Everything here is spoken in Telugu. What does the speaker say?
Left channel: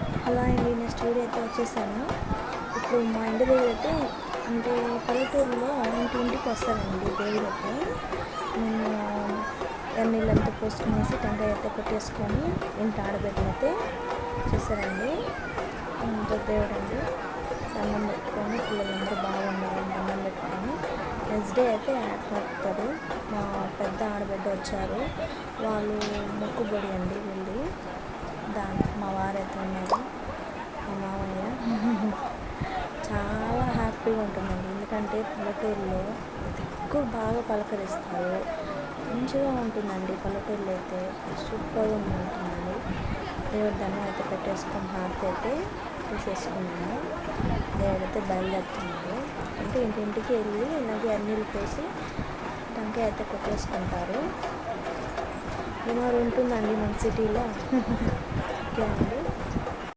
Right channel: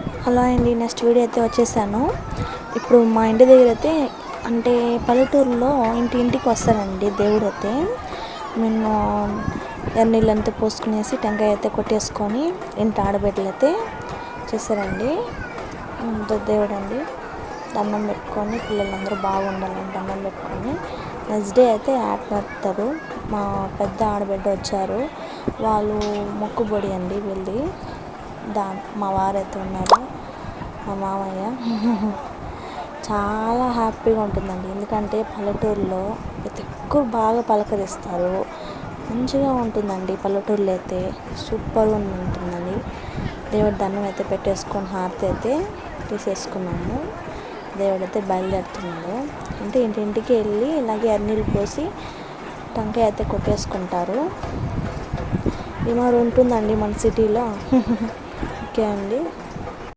హలో అండి, నెక్స్ట్ వీడియో అయితే వచ్చేసాను. ఇప్పుడు మా ఇంటి దగ్గర అయితే అంటే పల్లెటూరులో ఇంటింటికి వస్తారండి దేవుడు అయితే. నేను నీళ్ళంతా పోసుకునేసి టెంకాయ అయితే కొట్టేసుకొని ఇంటి ఆడబిడ్డలు అయితే చేశారండి. దేవుడు అండి, దండం పెట్టుకొని పిల్లలందరూ బాగుండాలని దండం పెట్టుకొని నెక్స్ట్ డే అయితే ఆత్మహత్యరు మా పెద్ద ఆడబిడ్డ వచ్చారు. వాళ్ళు మొక్కుబడి అండి వెళ్ళి మా వారైతే ఉన్నారు, మా మామయ్య. చాలా హ్యాపీగా ఉంటుందండి, ఎందుకంటే పల్లెటూరులో ప్రతి ఒక్కరు బాగా పలకరిస్తారు. మంచిగా ఉంటుందండి పల్లెటూరులో అయితే, సూపర్గా ఉంటుందండి. దేవుడి దండం అయితే పెట్టేసుకొని హారతి అయితే తీసేసుకున్నాము. దేవుడైతే బయలుదేరుతున్నాడు. అంటే ఇంటింటికి వెళ్ళి ఇలాగే అన్నీళ్ళు పోసి టెంకాయ అయితే కొట్టేసుకుంటారు. ఉంటుందండి మన సిటీలో. ఓకే అండి.